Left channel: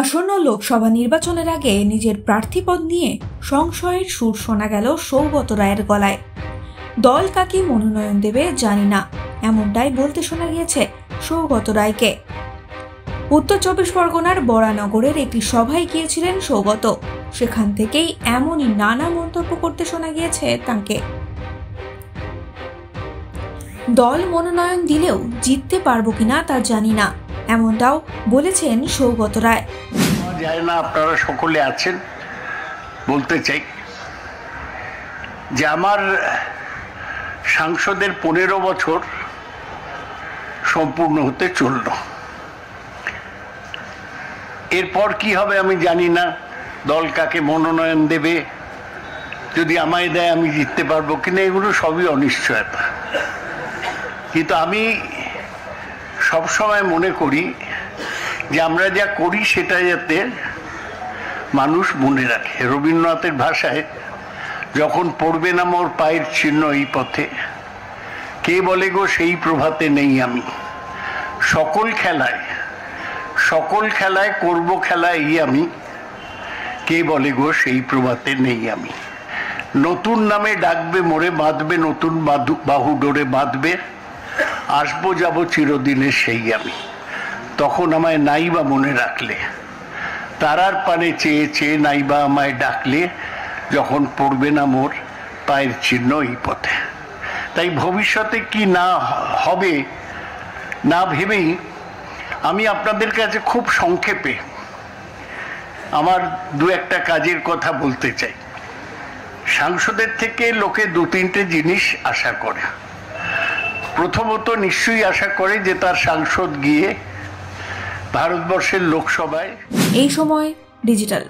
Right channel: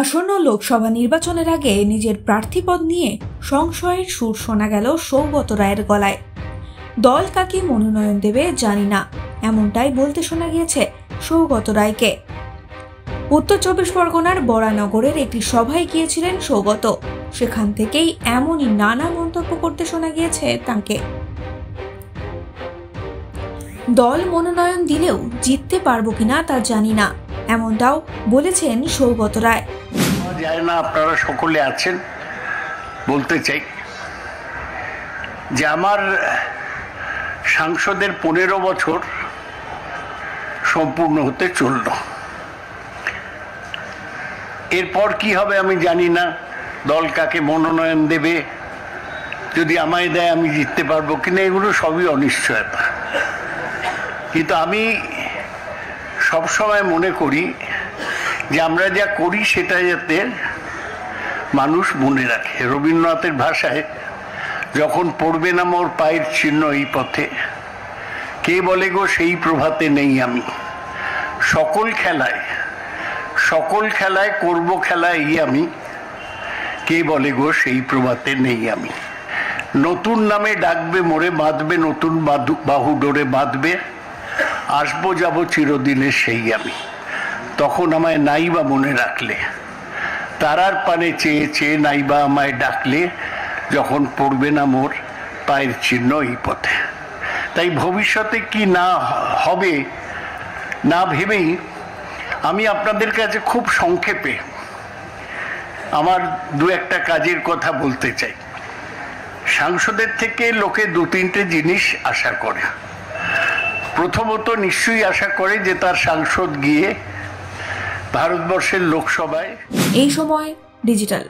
আসন্ন লোকসভা নির্বাচনের আগে নিজের প্রার্থীপদ নিয়ে সংশয়ের সুর শোনা গেল সৌগত রায়ের গলায়। দল কাকে মনোনয়ন দেবে জানি না, এমনটাই বলতে শোনা গিয়েছে সৌগত রায়কে। উত্তর চব্বিশ পরগনার বরানগরের একটি সভায় গিয়েছিলেন সৌগত। সেখান থেকেই এমনই নানা মন্তব্য করতে শোনা গিয়েছে তাঁকে। দল মনোনয়ন দিলেও জিততে পারবো কিনা তা জানি না, এমনটাও বলেছেন সৌগত রায়। জানি না আপনারা সকলে আছেন, বলতে চাই যে আমার সাংসদের 15 বছর সম্পূর্ণ হতে চলল। এরপর কি হবে আমি জানি না, দল কাকে মনোনয়ন দেবে, যদি আমায় দেয় আমি জিততে পারবো কিনা, এগুলো সবই অনিশ্চয়তা। কিন্তু আমি সবসময় মনে করি যে আমরা যা করি সেটা যাতে মানুষ মনে রাখে। রবীন্দ্রনাথের ভাষায়, যখন পড়বে না মোর পায়ের চিহ্ন এই পথে, কে বলে গো সেই প্রভাতে নেই আমি। সকল খেলায় করব খেলা এই আমি, কে বলে গো সেই প্রভাতে নেই আমি। নতুন নামে ডাকবে মোরে, বাঁধবে নতুন বাহু ডোরে বাঁধবে, আসবো যাব চিরদিনে সেই আমি। তখন আমায় নাইবা মনে রাখলে, তারার পানে চেয়ে চেয়ে নাইবা আমায় ডাকলে, যখন পড়বে না মোর পায়ের চিহ্ন এই পথে। তাই ভবিষ্যতে কি না হবে না ভেবেই আমি আপনাদের কাছে খুব সংক্ষেপে আমার দু একটা কাজের কথা বলতে চাই। সাংসদের থেকে লোকে 2-3টে জিনিস আশা করে। প্রথমত নিশ্চয়ই আশা করে যে তার সাংসদ গিয়ে ভারতবর্ষের লোকসভায়। এই সময় ডিজিটাল।